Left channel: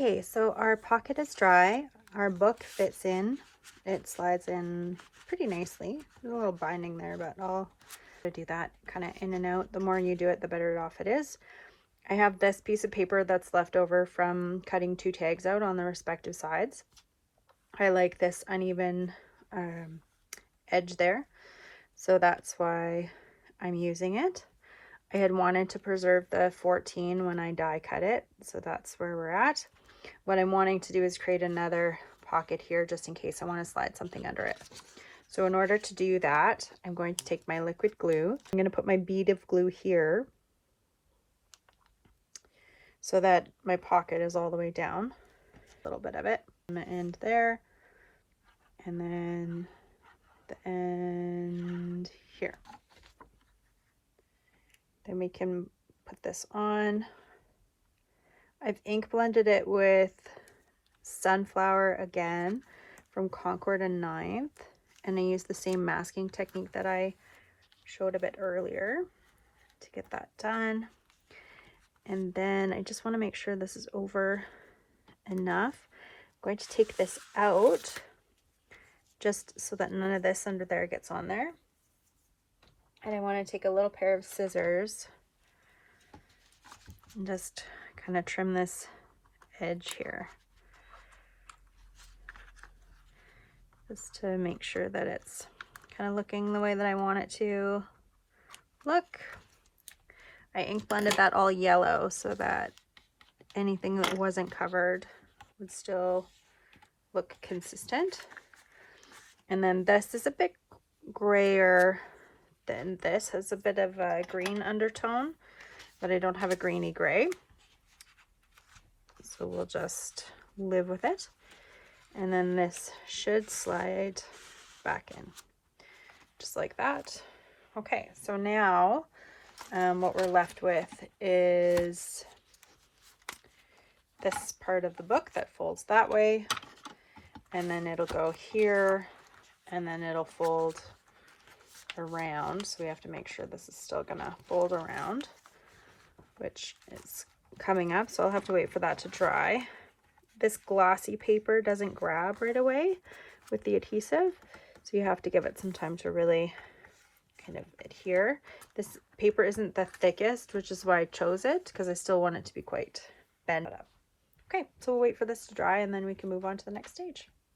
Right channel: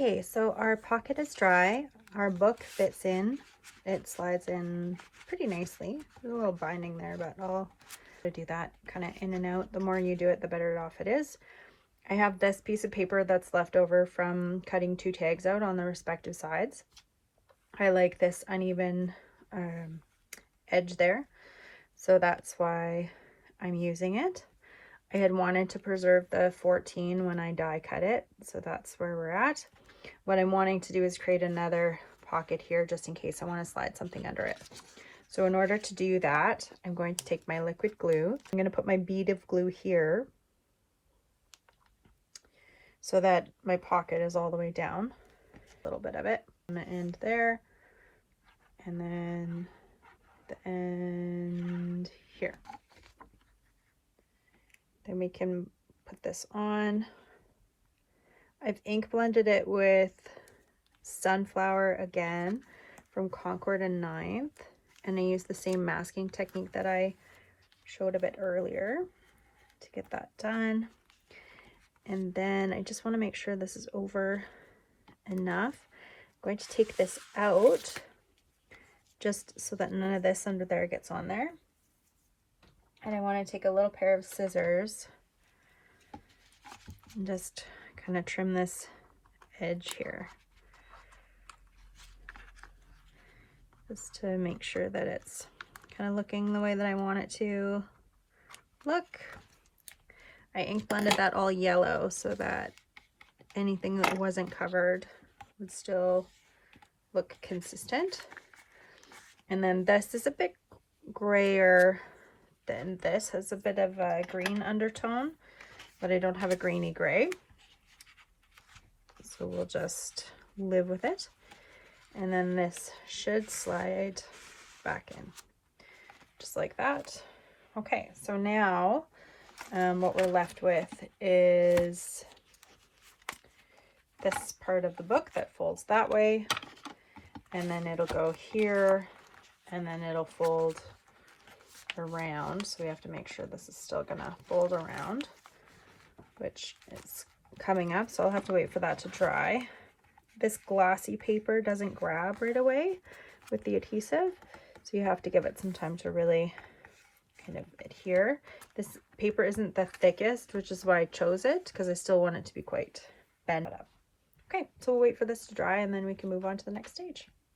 Okay, so our pocket is dry. Our book fits in. It slides in pretty nicely. There's a little binding there, but I'll do that kind of in and out. The more you do it, the better off it is. I have this piece of paper that's left over from cutting 2 tags out on the respective sides. I like this uneven edge there, so that's why I'm using it. I had wanted to preserve the 14 when I die cut it, so that's where we're at. What I'm wanting to do is create another pocket here just in case I want to slide something under it. So in order to do that, I'm going to take my liquid glue. I'm going to put my bead of glue here so that my pocket is all the way down. A little bit of it on the end there, and then the end here. Then we can put this on. I've ink blended it with Sunflower again from Concord and 9th, and I use the same masking technique that I showed a bit earlier to get that done. And then I just want to make sure this is over enough. I'm going to take this out just so that none of this under there gets on there. And I want to take a little pair of scissors and just kind of trim this edge here, just to make sure that it's kind of looking the way that I want it to look. I ink blended that all yellow so that anything that wasn't covered would still look consistent. And then this is a bit grayer than this, has a bit of a green undertone, but I don't have a greeny gray, so we'll just live with it. And then this should slide back in just like that. Okay, so now what we're left with is this part of the book that folds that way, and then it'll go here, and then it'll fold around. So we have to make sure this is still gonna fold around, which is coming up, so I'll have to wait for that to dry. This glossy paper doesn't grab right away with the adhesive, so you have to give it some time to really kind of adhere. This paper isn't the thickest, which is why I chose it, because I still want it to be quite bent up. Okay, so we'll wait for this to dry and then we can move on to the next stage.